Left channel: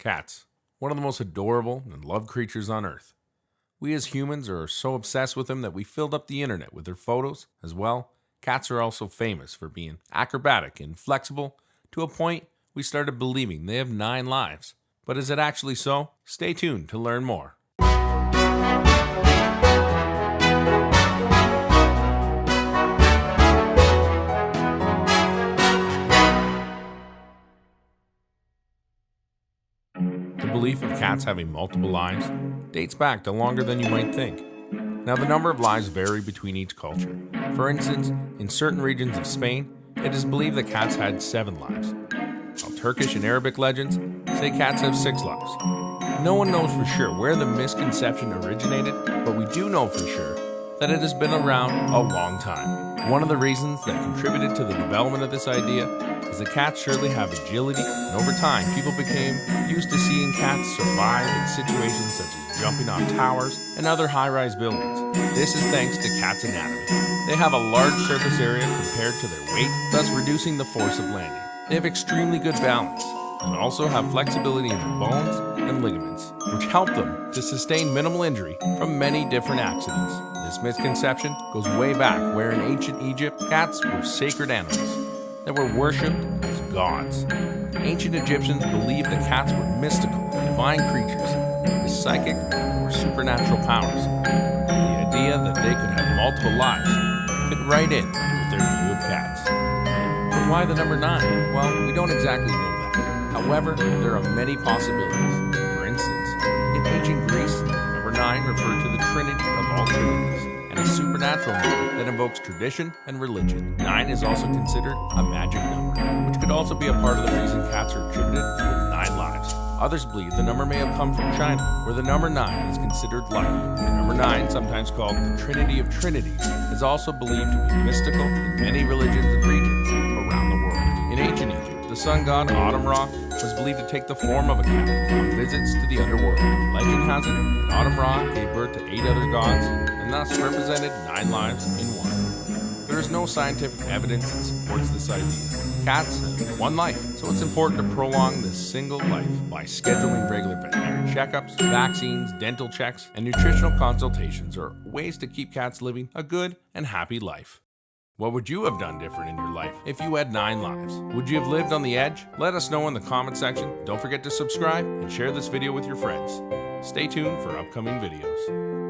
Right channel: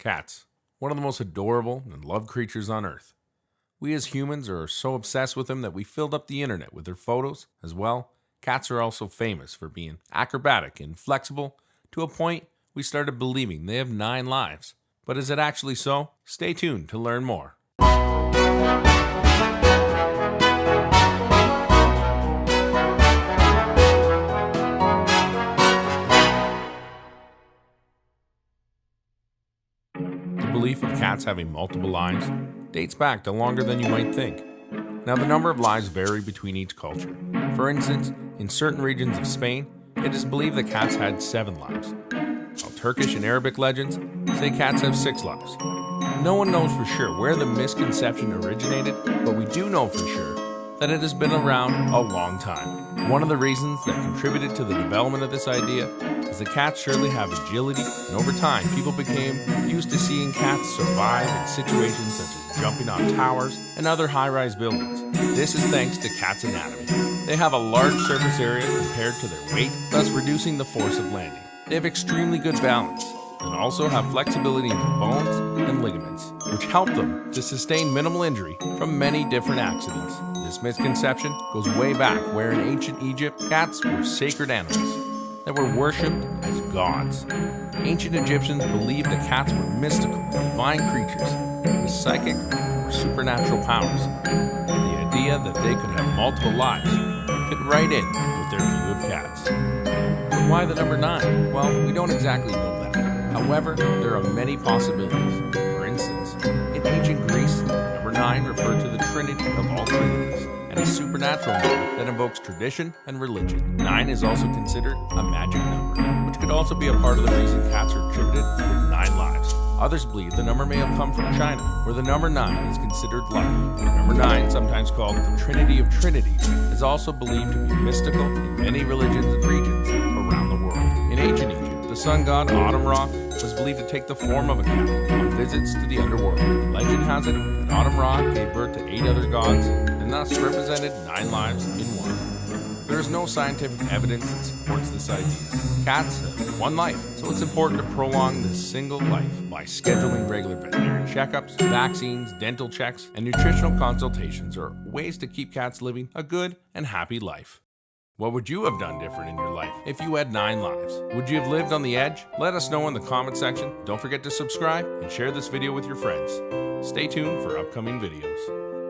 Cats, one of the most adorable and loved creatures on earth. We as humans are so obsessed with them that we filled up the internet with their photos. As well, cats are also famous for being acrobatic and flexible to a point we started believing they have 9 lives. But is it actually so? Stay tuned to learn more. The belief of cats having multiple lives dates back to longer than you might think. Now, the number of lives vary between each culture. For instance, in certain regions of Spain, it is believed that cats had 7 lives, while Turkish and Arabic legends say cats have 6 lives. No one knows for sure where the misconception originated, but we do know for sure that it has been around a long time. One of the reasons that contributed to the development of this idea is that cats surely have agility, and over time, people became used to seeing cats survive in situations such as jumping off towers and other high-rise buildings. This is thanks to cats' anatomy. They have a large surface area compared to their weight, thus reducing the force of landing. They have extremely good balance, and also have flexibility in their bones and ligaments, which help them to sustain minimal injury from many different accidents. This misconception goes way back where in ancient Egypt, cats were sacred animals that were worshipped as gods. Ancient Egyptians believed that cats were mystical and divine creatures with psychic or supernatural powers. The idea that they could have multiple lives fit right in with their view of cats. But why the number 9? Well, we don't exactly know that. However, there are many possibilities. For instance, in ancient Greece, number 9 referred to the Trinity of all trinities, and a supernatural number that invokes tradition and religion. 9 is also considered a magic number, which could also be a part of the reason cats are attributed with 9 lives. Others believe the number may have come from China, where the number 9 is considered lucky. The number 9, sometimes called the Trinity of Trinities, is also believed to be mystical in many religions and regions around the world. In ancient Egypt, the sun god Autumn Ra was believed to take the form of a cat on visits to the underworld. Legend has it that Autumn Ra gave birth to 8 other gods and thus represented 9 lives in one. There is no scientific evidence that supports this idea. Cats have 1 life, so it's important to prolong this single life by scheduling regular veterinary checkups, vaccines, dental checks, and nutritional consultations are ways to keep cats living a good and happy life. What would you have done different in your life if you had 9 lives? Would you have lived on the edge? Let us know in the comment section. Don't forget to subscribe and share this video with your friends. Stay tuned for upcoming videos.